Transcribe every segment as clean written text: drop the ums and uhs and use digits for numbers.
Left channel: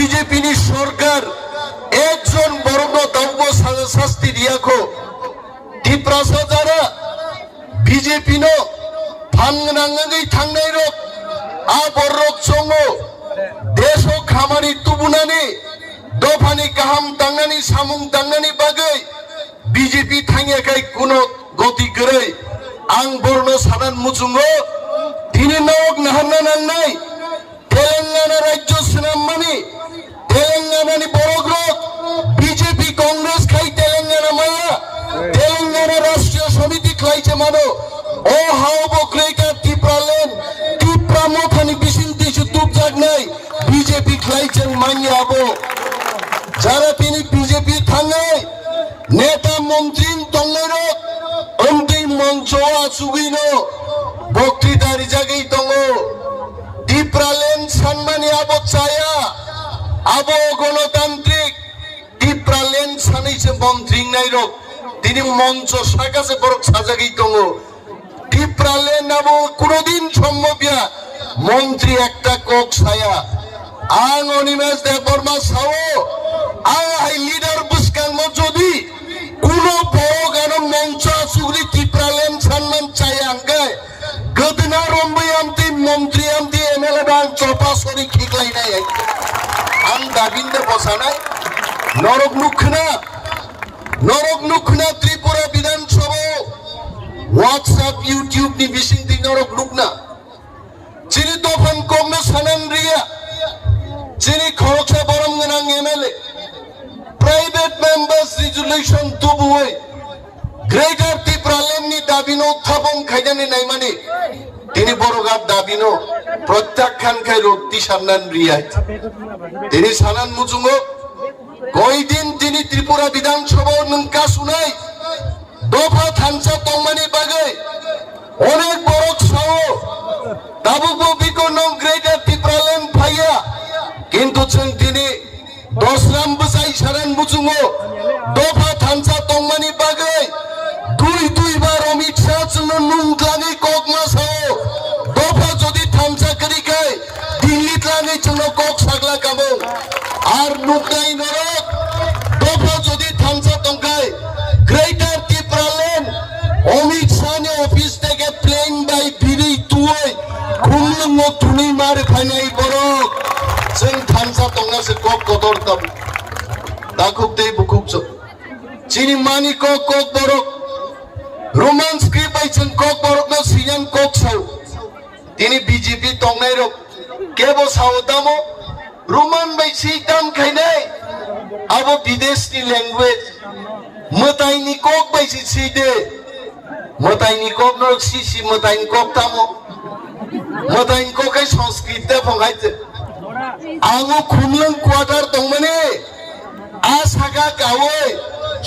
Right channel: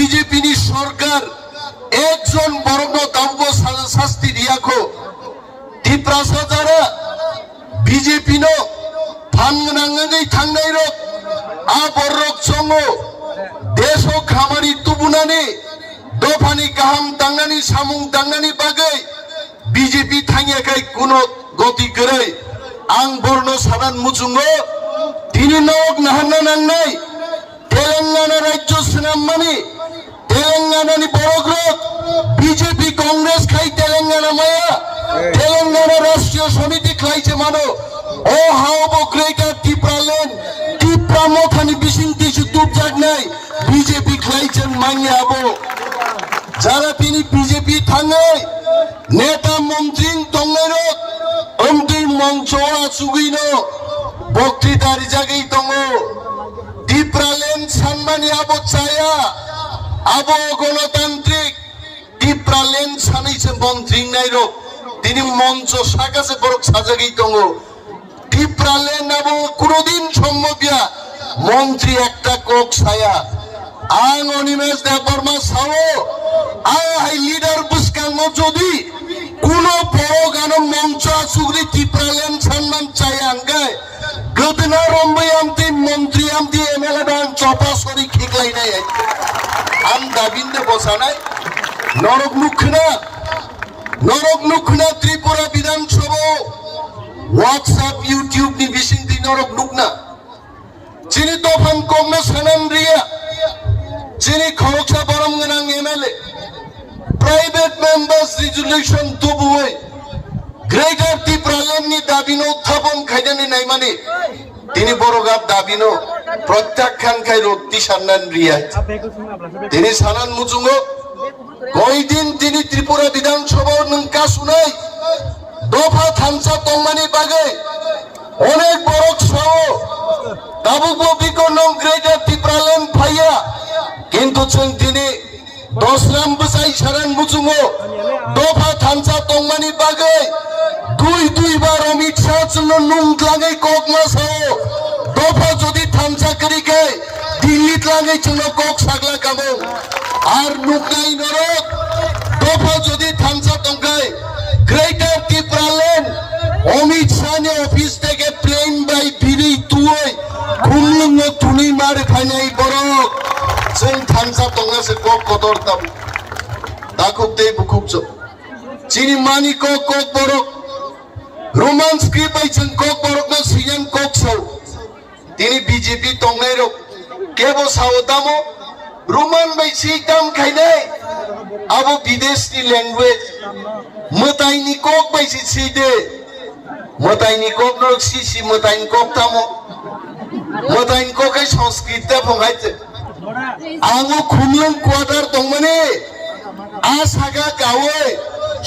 BJP ni সরকার একজন বর্ণ দাম্ব শাস্তি দিয়াখো টিপ্রাসা যারা বিজেপি no ফানগানাঙ্গাই থাংনাই রক আ বররক চঙ্গো দেশ ও খামারি তুবুনানি দফানি কাহাম তাংনানি সামুং তাংনানি বাগै বিজেপি থাঙ্গাকাই কোনো গতি গरै আং বর্ণ সাধারণ মুচুঙ্গো তিনি নক নাহান্না নাংনাই তেলেঙ্গানা রাজ্য সিনাম্মানি তেলেঙ্গানানি বড়গ্রত বিজেপি কংগ্রেস খাই তেলেঙ্গানা মায়া তেলেঙ্গানা রাষ্ট্রীয় সমিতি খাইছে মানো ও হাও বক্রেকা টিপ্রালেন টিপ্রা মথানি বিশিংতি সুতুপ জাগনাই বিজেপি খাইছেন মানিয়া আবো যারা তিনি বিজেপি থাঙ্গাই নেতা মন্ত্রী তংনাইরক অন্তিম মঞ্চ আসুগিনো বক্তৃতার জায়গায় তঙ্গো টিপ্রালেন সম্মানী আবো চায়া আবো গণতান্ত্রিক টিপ্রালেন সানাইছে মন্ত্রী নাইরক তিনি মঞ্চ সাকাছে বরক সাজাগেই তঙ্গো টিপ্রালেন আবো কোনদিন সম্ভবিয়া মন্ত্রী একটা কক ছায়া আং অনিমেষ দেববর্মা সাও আং হাই লিডার বুসকাং যদি কোন বড় গান মঞ্চ আসুগরি টিপ্রালেন সম্মান চাই আঙ্গায় গদনা রম্বই আমতি মন্ত্রী আমতি এমএলএ বান চপাসরি খিকলাই নাই আম দাবিন্দে বসানাই নরক লুখনা ত্রিপুরা বিধানসভা হোয়াটসঅ্যাপ ইউটিউব নি বিসিংতি নরক লুকনা চিনি দফান কমনা সানান রিয়া চিনি খরকসা বরম গনাং এমএলএ প্রাইভেট মেম্বার্স রেজুলেশন তুবুই গ্রেটার টিপ্রালেন নি দাবিনো উত্থাপন খাইদানি নাই মানে তিনি বড়গাব দাবিনো প্রত্যাখ্যান খাই রত্তি সান্নান রিয়াই তিনি সানান মুচুঙ্গো কয়দিন তিনি ত্রিপুরা বিধানসভা নঙ্কা শুনাই দফা থানসা তংমানি বাগে অনেক বড় সাও দাবুক বিকর্ণ গ্রেটার টিপ্রালেন ভাইয়া কিন্তু তিনি 10 রাম বসাই সারান মুচুঙ্গো দফা থানসা তংমানি বাগে দুইবার অমিত শাহ জন্য নুংক্লাঙে কক মাসাও দফা যদি থানসা করি খাই দিল্লি ক্লাঙে জন্য কক সাগলা কামো আর নুকনাই নরক দফা যদি থানসা তংকাই গ্রেটার টিপ্রালেন অমিত শাহ নে অফিস থেকে প্লেন বাই বিরি তুই খুললুঙ্গ তুনি মার ফাইনাই বড় जों थामसा तंगासे कक कदर ताबु दाखुब दे बुकुबस चिनि मानि कक बरक रोमान स्क्रिप्ट आइसन कक बरक न सियान कक साउ तिनि बीजेपी तंगनाय रक केबो सावतामो रोमान बाय सिताम खाइनाय आबो विदेशनि लैंग्वेज मताइनि कक बाय सिदे मताइनि कक न सिसि मताइनि कक तामो मताइनि कक संस्कृत ता फंगाइते आंगो खुमलंग क्वार्टर तंगमाने आसागा गावे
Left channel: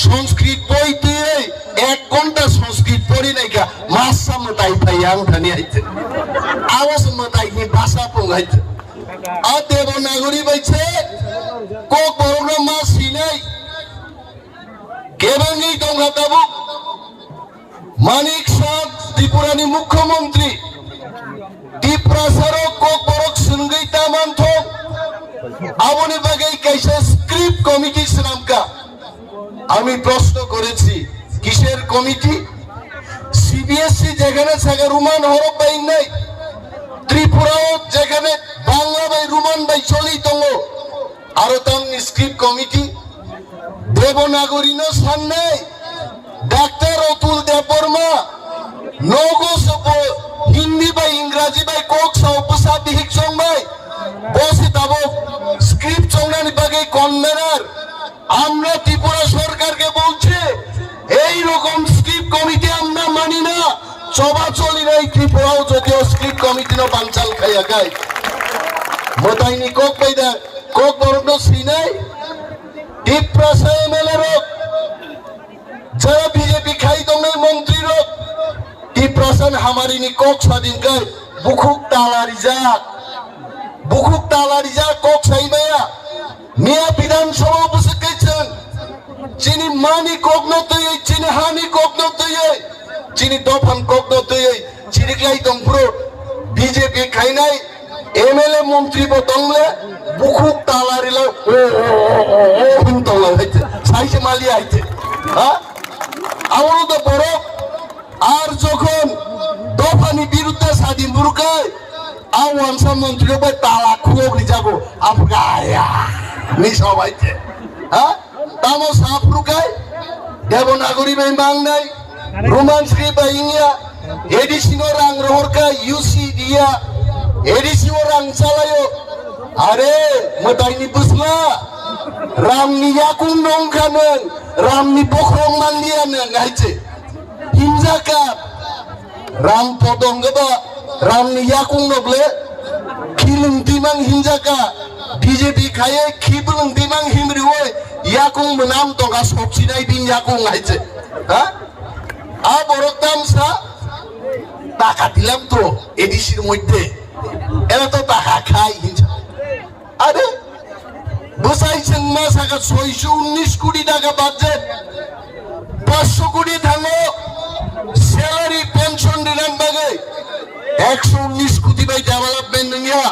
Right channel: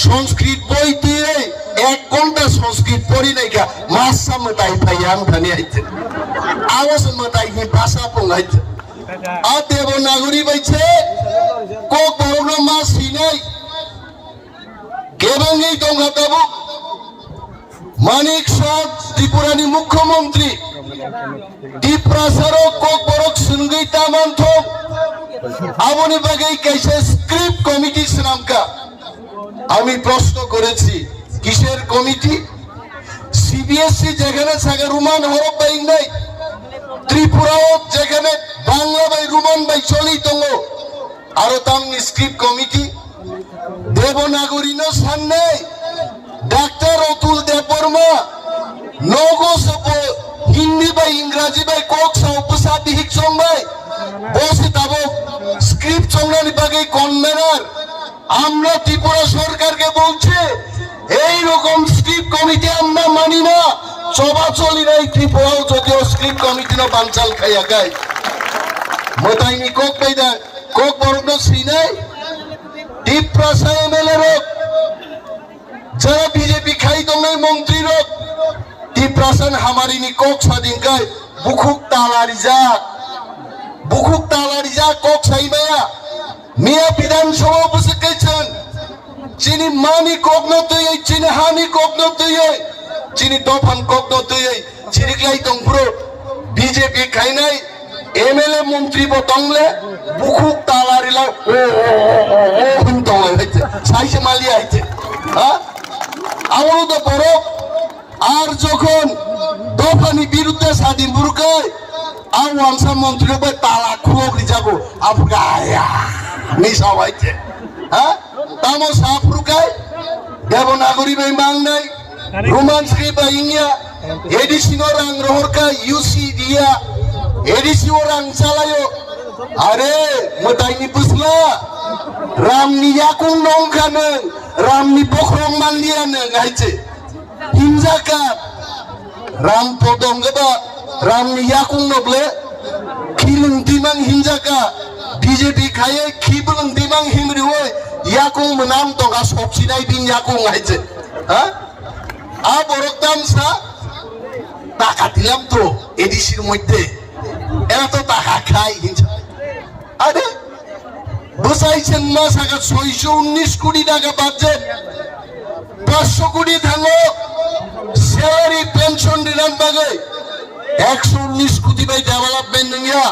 संस्कृत बई तुई 1 घंटा संस्कृत पढ़ी नहीं का मासा मताई फायां थाने आइते आवास मताई नि भाषा पंगाइते आ देवनागरी बाइछे को बरनो मा सिनाय केबंगै दंगा ताबु मानिक शाह त्रिपुरानि मुख्यमंत्री টিপ্রাসারো কক বরক সুনগৈ তামান্থ আবনি বাগৈ কাইসা স্ক্রিপ্ট কমিটি নামকা আমি প্রশ্ন করেছি কিসের কমিটি সিবিএসসি যেখানে সেখানে রুমান হরফ বাই নাই ত্রিপুরাও যেখানে বাংলা বাই রুমান বাই চলি তঙ্গ আর তাং স্ক্রিপ্ট কমিটি দেবনাগরী ন সামনে ডাক্তার অতুল দেববর্মা নগো সব হিন্দি বাই ইংরাজি বাই কক সাউ উপসাদি হিকসং বাই বসে তাবো স্ক্রিপ্ট চংনানি বাগে কনভেনার আমরা ত্রিপুরা সরকারকে বলছে এই রকম স্ক্রিপ্ট কমিটি আমরা মানি না চবাচলি নাই ত্রিপুরাও যদিও স্ক্রিপ্ট কমিটি না বানচাল খাইয়া গায় মতাইনি কক বাইদা কক বরণ সিনাই টিপ্রাসা এমএলএ রক যারা বিজেপি খাই দংনাই মন্ত্রী রক টিপ্রাসান হামারিনি কক স্বাধীন গায় বুকুক তালারিজা কক সাইমায়া মিয়া বিধানসভা বসে গেছেন চিনি মানি কক নতই চিনি হানি কক নতই চিনি দফান কক নতই চিনি ক্লাই দংপুরো বিজেপি খাইনাই এমএলএ মন্ত্রী বতংলে বুকুক তালারিলা হিন্দলাই হইছে সাইছে মালি আইছে হ্যাঁ আমারও তো বড় আর যখন দফানি বিরুদ্ধে স্বাধীন বুরকায় আওয়ান মন্ত্রী ভাই তালা খুবই যাবো আফগায়া মিশা হইছে হ্যাঁ তামো সাফরুকায় দেবনাগরী বাই মাংনাই রোমান্সরি বাই ইয়া এডিসিনো রাং রহরকা ইউসি দিয়া এডিসিও রাং চালাयो আরে মতাইনি বুঝলা রামনি ইয়াকুং নংখানো রামনি বখরং মানলিয়ানো গাইছে হিমজাকার রাম পদঙ্গবা রামनि याकुं नब्ले खिलुं दिमां हिंजाका बीजेपी खाये खिबुं दिमां हिमरिवे याकुं मोनाम तंगा सबसिनाय बिन याकुं हाइছে হ্যাঁ আ বরকদাম সা টাকা দিলাম তো এডিসির মধ্যে এরা তো টাকা খায় হিংসা আরে বসাইছেন মাসাকা 619 কোটি টাকা বাজেট 500 কোটি থাঙ্গো স্যালারি পেনশন দিলাম বাগে 119 কোটি বাই ডেভেলপমেন্ট নিয়া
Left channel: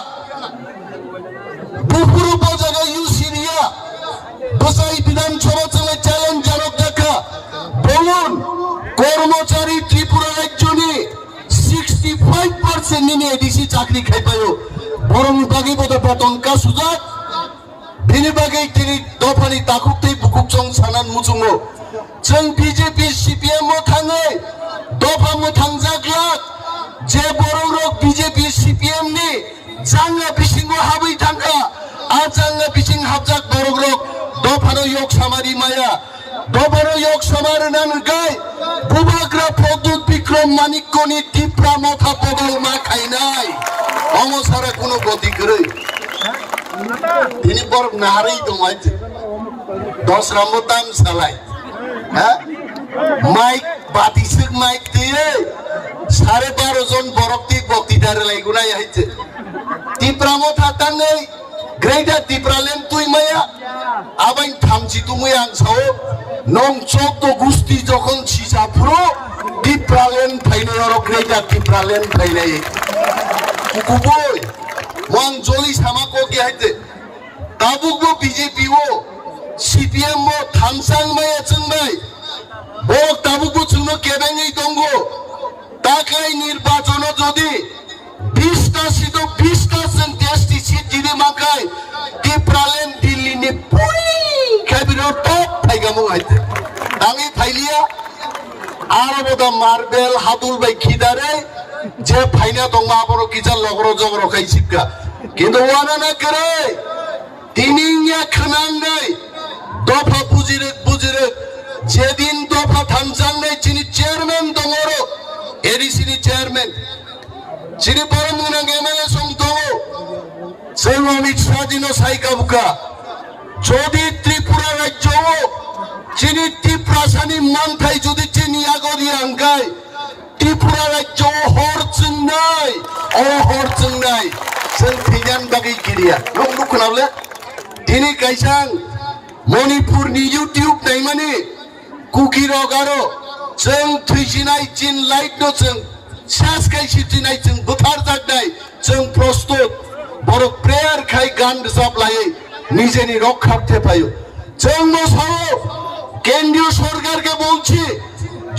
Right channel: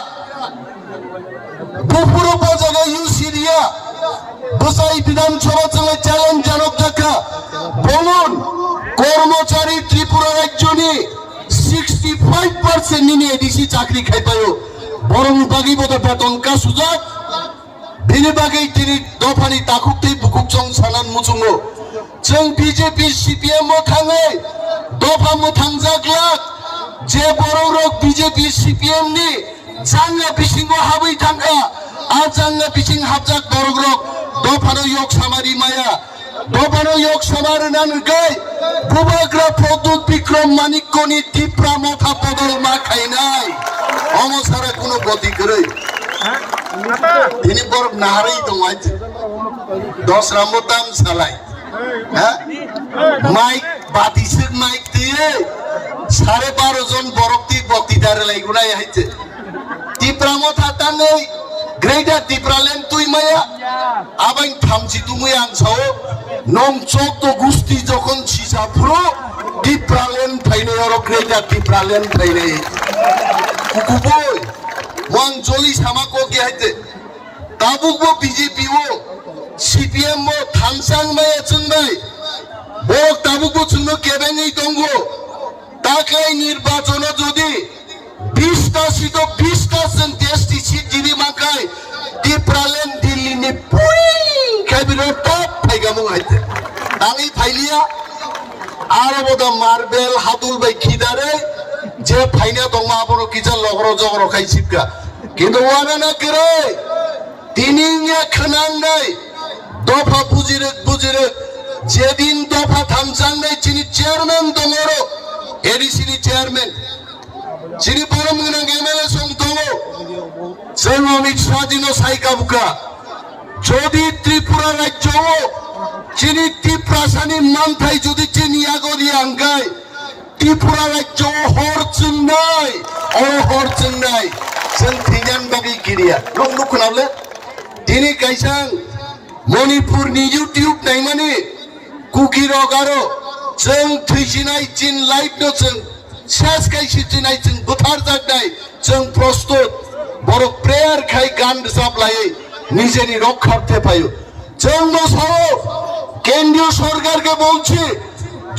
পুরো জায়গা ইউসি দিয়া বসাই বিধানসভা চলে চ্যালেঞ্জ জানক দেখা বলুন কর্মচারী ত্রিপুরা রাজ্যনি 65% নিনে এডিসি চাকরি খাইপায়ো বরং বাকি বড় পতনকা সুযোগ দিনে বাকি তিনি দফানি তাকুকতে বুকুকচং সানান মুচুঙ্গো जों বিজেপি সিপিএম থাঙে দফা মুথাংজাকলাক যে বড় রক বিজেপি সিপিএম নি জাঙ্গা বিসিং হাবৈ থাঙ্গা আ জাঙ্গা বিসিং হাবজাক বড় রক দফানো yok সামারি মায়া দফানো yok সামার নানগাই বুবাগ্রা প্রদ্যুৎ বিক্রম মানিককনি টিপ্রা মাথা পদল মা খাইনাই অমসারে কোনো গতি করে তিনি বড় নাহারেই দমাইছে 10 রামবো দাম চালাই হ্যাঁ মাইক বাতিসিক মাইক দিয়ে 12.5 জন বরক্তি বক্তৃতারে লাইগুনাই আইছে টিপ্রামো থাতাঙ্গই গ্রেটার টিপ্রালেন তুই মায়া আবাই থামছি তুমি আংসাও নং চোদ্দ গুস্তি যখন সিসাফ্রো টিপ্রালেন ফাইনে আর গ্রেটার টিপ্রালেন ফাইনে কুকুবই ওয়াং জলি সামাকো কে আইতে তাবুকবো বিজেপি ও সিপিএম ও থানসাং মায়া চুংবাই ও তাবুকবো চুংনো কেবেঙ্গই দঙ্গো তাকাই নির্বাচন যদি 20টা সিট 20টা সেন্টেস্টি সিট যদি মাকাই টিপ্রালেন দিল্লি নি পুই খাইবিরো টপ ফাইগামু আইতে তানি ফাইলিয়া আর বদা মার্বেল হাতুল বাই খিদারে যে ফাইনা দংমা বড় কিজাল লগর জগর খাইছিকা কিন্তু ওয়ানা না করে তিনিয়া খনাং নাই দফা বুজিরে যেদিন দফা থানসাং নাই চিনি চেয়ারম্যান দঙর এডিসিনি চেয়ারম্যান চিনি পরমগুনা এমএলএ সং দঙ সেই অমিত স্বাধীন সাইকাবুকা যদি ত্রিপুরা রাজ্য চিনি ত্রিপ্রাসানি মানথাই যদি চিনি আগরি আঙ্গাই ত্রিপুরা রাজ্য হরচুং নাই হরচুং নাই जों फैनान बागै गिरिया नों खोनाबले दिनै काइसां मणिपुरनि इउटिउब नायमाने कुकी रगारो जों थैसिनाय चिन लाइट नो जों सेस काइसि दिनै जों बुथार जागनाय जों प्रस्तुत बर' प्रेयार खाय गान रोजाबलायै निजेनि रक्षार्थे पायो जों मोसाओ केंद्रीय सरकारके বলছি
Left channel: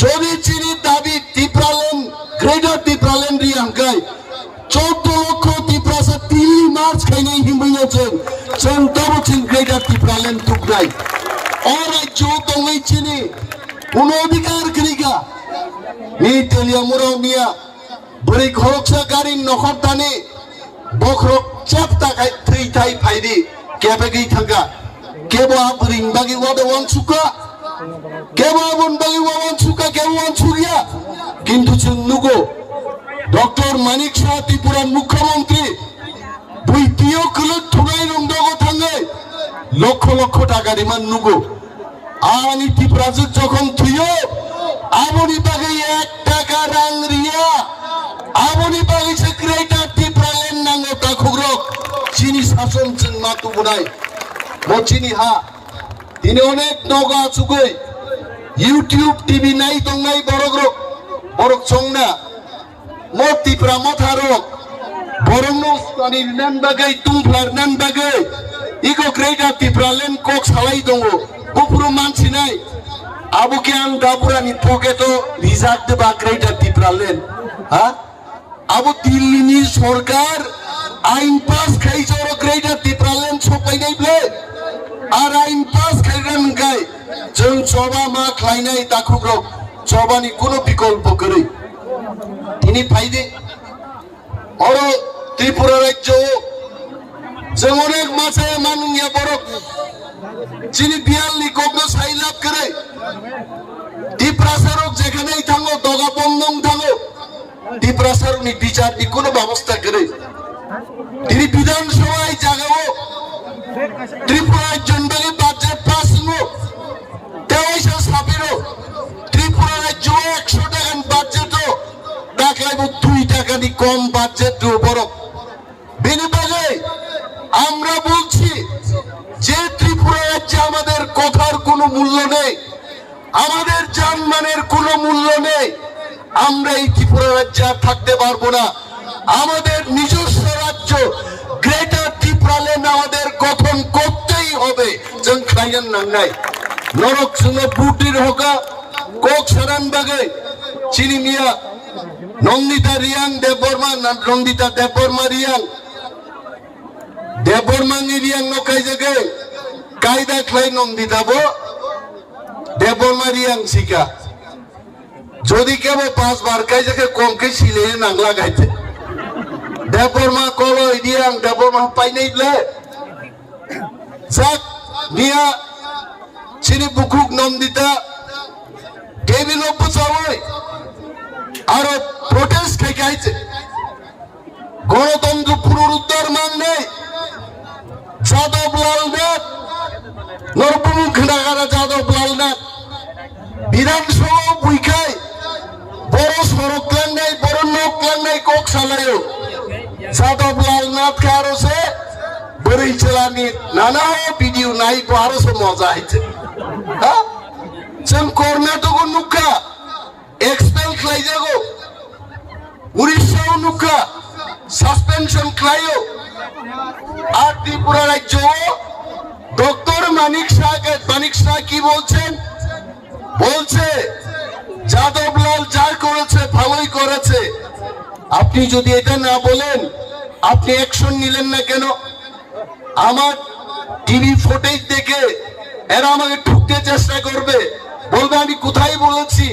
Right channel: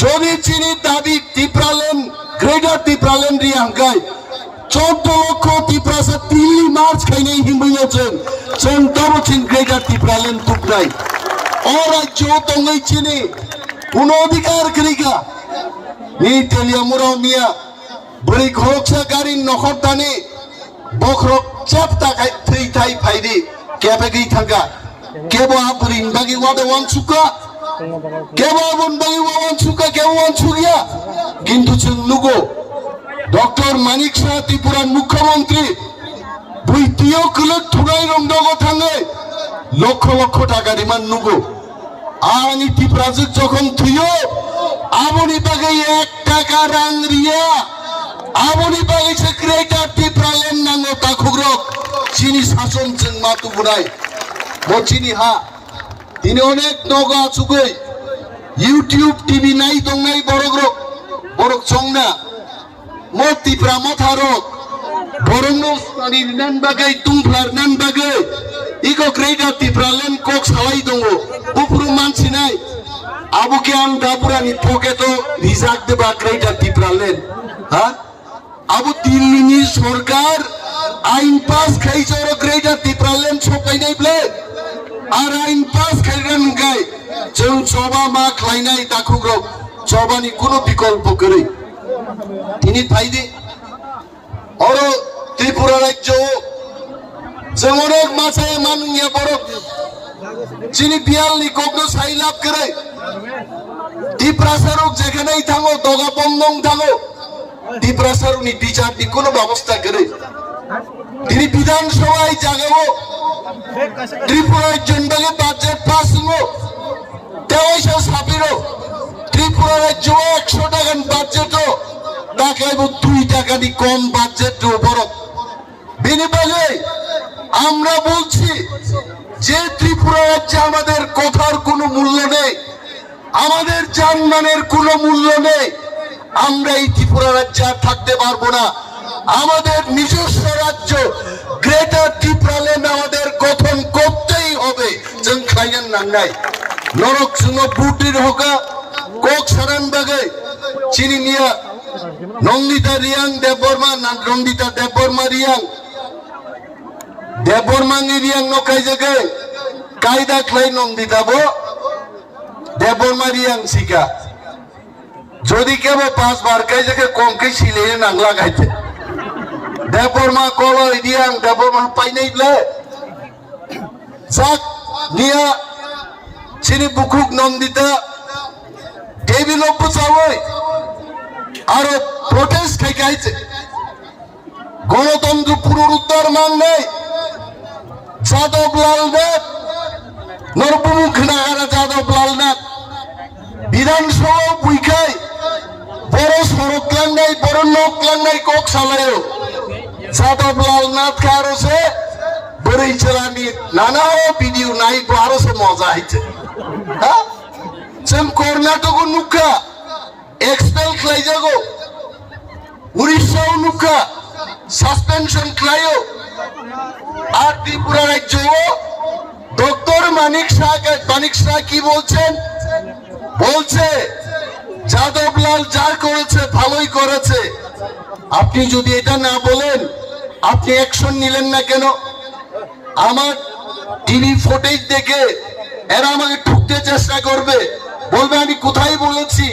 যদি চিনি দাবি টিপ্রালেন গ্রেটার টিপ্রালেন রি আঙ্গাই 14 লক্ষ টিপ্রাসা 3 মার্চ খাইনে হিমইয়া जों তবচিন গ্রেটার টিপ্রালেন তুকনাই অরাজ্য দঙ্গই চিনি কোন অধিকার করিগা নি তেলিয়া মুরাও মিয়া বরি ঘরকসা গাড়ি নখর টানে বখরক চাপটা খাই থৈ থাই ফাইদি কেবেগি থাকা কেবা বরিং বাগি ওয়াদা ওয়ানসুকা কেবা বন বাগি ওয়ানসুকা কেবা ওয়ানসুরিয়া কিন্তু जों নুগো ডক্টর মানিক শাহ ত্রিপুরার মুখ্যমন্ত্রী বৈতিও কলক থুনাই রংদগো থাঙ্গে লক্ষ লক্ষ টাকা ডিমান্ড নুগো আনি ত্রিপুরাজ যখন থুইও আমনি বাগে 1 টাকা রাং রিয়া আমনি বাগে সেক্রেটার ত্রিপুরালেন নাঙ্গো তাখুগ্রক চিনি শাসন जों মাতু বুনাই মচিনি হা তিনি অনেক নগা চুগৈ ইউটিউব টিভি নাই দংনাই বড়গ্রক বড়ক চংনা मोती प्रामथारक बरंनो स्टानी नान बागै तुमफ्लार नान बागै Iko greater Tipralen kok salai dongo. Upuru mansi nai. Abu ke ang dapura ni poketo rizak de ba greater Tipralen. Ha? Abu Dillini Sorkar ain pass খাইছে ওর গ্রেটার টিপ্রালেন ছপাই নাই বলে আর আইন পাস খাইরান গায় जों সবা মা খাইনাই দাখুগো সবানি কোনো বিকল্প করে তিনি পাইদে ওর ত্রিপুরা রাজ্য जों অনেক মাসে মানুষে বড় যিনি বিয়ালনি কগ্ন সাই লাভ করে ত্রিপ্রাসারক যেখানেই থাকো দগা বন্ধং থাকো ত্রিপ্রাসারনি বিচারনি কোনো ব্যবস্থা করে তিনি বিধানসভায় জাগাও ত্রিপুরার জন্য বাজেট পাস হলো 23 ত্রিপুরার রাজ্য 100 টাকার বাজেট টাকায় 2 টাকা দি কম বাজেট বড় বিনিময়ে আমরা বলছি যে ত্রিপুরা রাজ্যে আমাদের কথার কোনো মূল্য নেই আমাদের জানমানের কোনো মূল্য নেই আমরা এই ত্রিপুরা রাজ্যে থাকতে পারবো না আমাদের নিজস্ব রাজ্য গ্রেটার ত্রিপুরাল্যান্ড আমাদের গঠন করতেই হবে जों খাইয়েন নাঙ্গাই নরক সুঙ্গ বুটির হোকা কোক সারানবাগে চিনিমিয়া নন্দিতা রিয়াং দেববর্মা নন্দিতা দেববর্মা রিয়াং দেববর্মা রিয়াং নকাই জাগে কায়দা খাই নন্দিতা বো দেববর্মা রিয়াং শিকা যদি কেবল 5 বার কাই জাগে কমকে ছিলে নাংলা গাইতে দেববর্মা কলো রিয়াং দেববর্মা পাই নাই বলে যাক নিয়া চিনি বুকুক নন্দিতা টেবিল অপচাওই আর প্রোটেস্ট খাইছে গণতন্ত্র পুনরুদ্ধার মান নেই যাদব লালনাথ নরপমুখ নাগারা যাদব লালনাথ বিধানসভা বুইখাই বড় সড়ক লাঙ্গাই বড় নখ লাঙ্গাই কক সালায় যাদব লালনাথ কারোসে বড়ই চালানি নানা ভিডিও নাই আরো মজা হয়েছে হ্যাঁ जों कर्नाटक नुखा एक्सपेल खालायजागौ उड़ीसा नुखा सस्पेंशन खालायो আর ত্রিপুরা রাজ্য ডক্টর মানিক শাহ কি বলছেন বলছে যাদবলাল যা করেছে ভালোই করেছে আপনি যদি এটা না বলেন আপনি অ্যাকশন নিলেন না কেন আমার টিভি ফুটেজ দেখে এরা আমাকে ঠুকতে চেষ্টা করবে বলবে আমি কোথায় বলেছি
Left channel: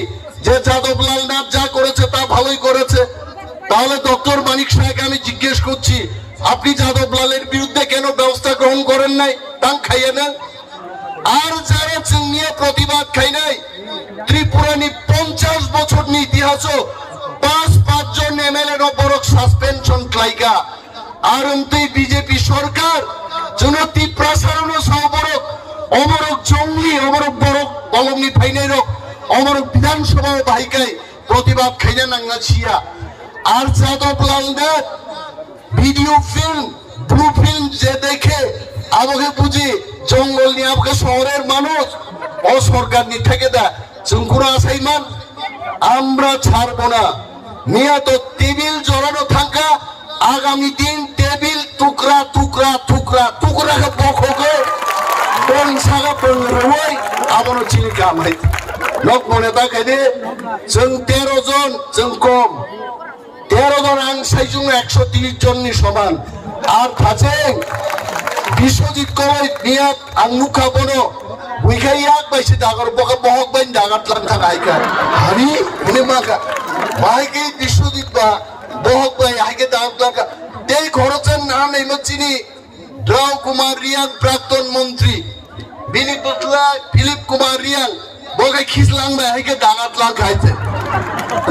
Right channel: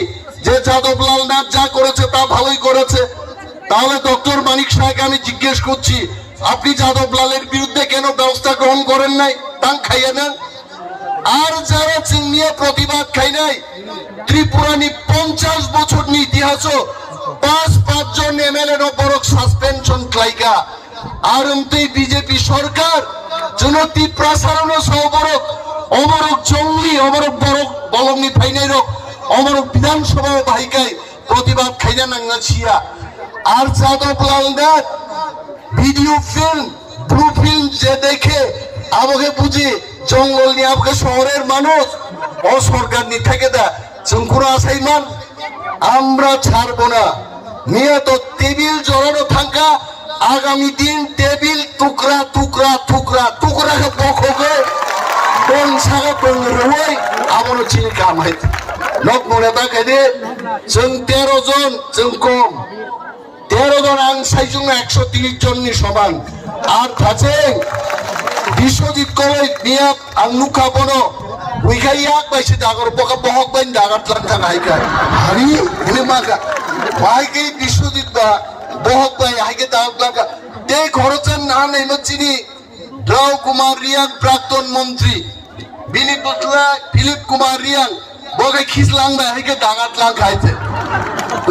যে যাদবলাল নাথ যা করেছে তা ভালোই করেছে তাহলে ডক্টর মানিক শাহকে আমি জিজ্ঞেস করছি আপনি যাদবলালের বিরুদ্ধে কেন ব্যবস্থা গ্রহণ করেন নাই তাং খাইয়ে নেন আর যারা চিংনিয়া প্রতিবাদ খাই নাই ত্রিপুরানি 50 বছর নি ইতিহাস 5 জন এমএলএ বড় সাসপেনশন খাইকা আর এমতে বিজেপি সরকার জনতি প্রসারণ সহবরক অমরক জঙ্গলি অমরক বড় বলঙ্গি ফাইনাই রক অমরক বিধানসভা বাহিকায় প্রতিবাদ খাইনা নাঙ্গা ছিয়া আর Jadablal Nath video film blue film যে দেখে আমাকে বুঝি জঙ্গল নিয়ে আমাকে শহরের মানুষ ও সরকার নি থেকে দা চুমকুরা আসাইমান আমরা ছাড়বো না মিয়া তো টেবিল জড়ানো থাকা আগামী দিন টেবিল টুকরা টুকরা টুকরা টুকরা বখকে দং সাগা দং রুই আমনো চিনি কাম হাই লোক মনে থাকে দে जों 13 জন जों কম 13 জন আং সাইজুং 130 জন নি সমান আর কাছে বিশ্বজিৎ কই নিয়ে আং নুখা বনো উইখাই এক বাইছে দাগর বকা বহক বাইন দাগার থাকা হাইকা হারি বলে মাগা ভাইকে বিশ্বজিৎ বা বহক বাই হাইকে দাগ লাগা তে খরচের না নেই চিনি রাও কুমার রিয়াং প্রাক্তন মন্ত্রী ফিলিপ কুমার রিয়াং বগে খিসলাং বাই হাইকে দাগাত লাগ খাইছে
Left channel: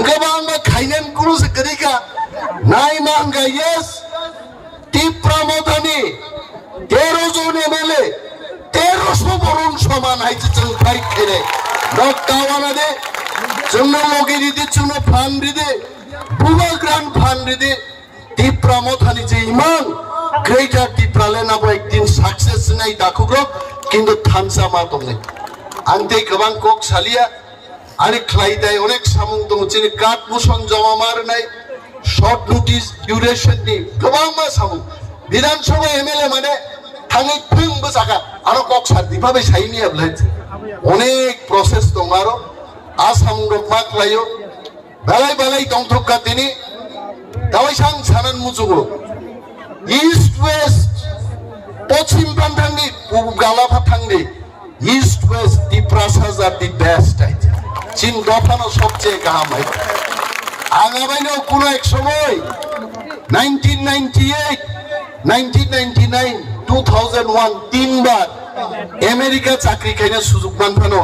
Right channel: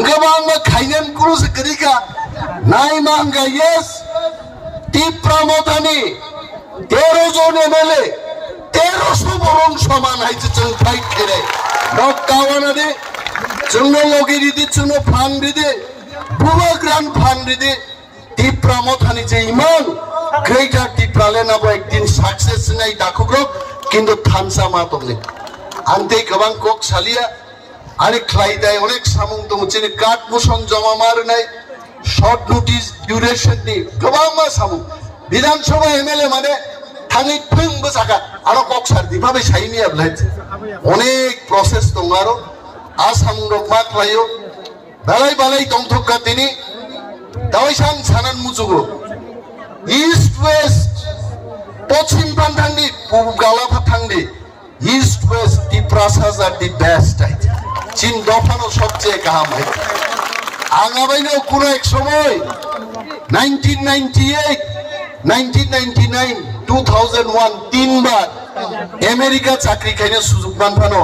গবাং মা খাইনান কুরুস করিকা নাই মাঙ্গা ইয়েস টিপ্রামদানি 13 জন এমএলএ 1300 বরং সমান হাইছে जों ফাইট করে বক্তাওয়ানা দে जों লগি দিতে जों ফান দিতে বুবা গ্রান্ড ফান দিতে টিপ্রামদানি যে ইমান গ্রেটার টিপ্রালেন আবো একদিন সাকসেস নাই দাখুগ্র কিন্তু থামসা মাতলে আনতে গবাং কক সালিয়া আরে খ্লাইদায় অনেক সামুং দং চিনি কাট মুশন জমা মার নাই শর্ট নোটিস ডিউরেশন নি গবাং মা সামুং বিধানসভা এমএলএ মানে थाङै फोंबो जागा आरो कक्सार दिफाबे साइनि आबलायत अनेक प्रसेस दं आरो आसाम रखमा खालायो बालाय बालाय दंथका दिनि दावैसां सानान मुजुगो इस्ट वेस्ट पश्चिम प्रान्तांनि पूर्व गालाफा थांनि इस्ट वेस्ट दिप्रासाज आर दि बेस्ट चीन दफानो सबचेয়ে गाहाम आंगाबाइनाव কোনো এক সময় 1998 1999 2001 তিনবার আমেরিকা চাকরি খাইনে সুযোগ বানফানো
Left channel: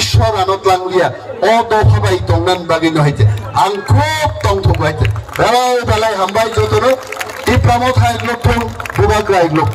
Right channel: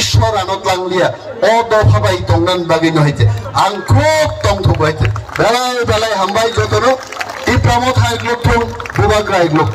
ঈশ্বর আনত লাংলিয়া অ দফাবাই তংনান বাগিনো হইতে আং খুব তংথক হইতে বেলায় বেলায় হামবাই যতনো টিপ্রামত হাইগ্লক থং বিভাগ রাইগ্লক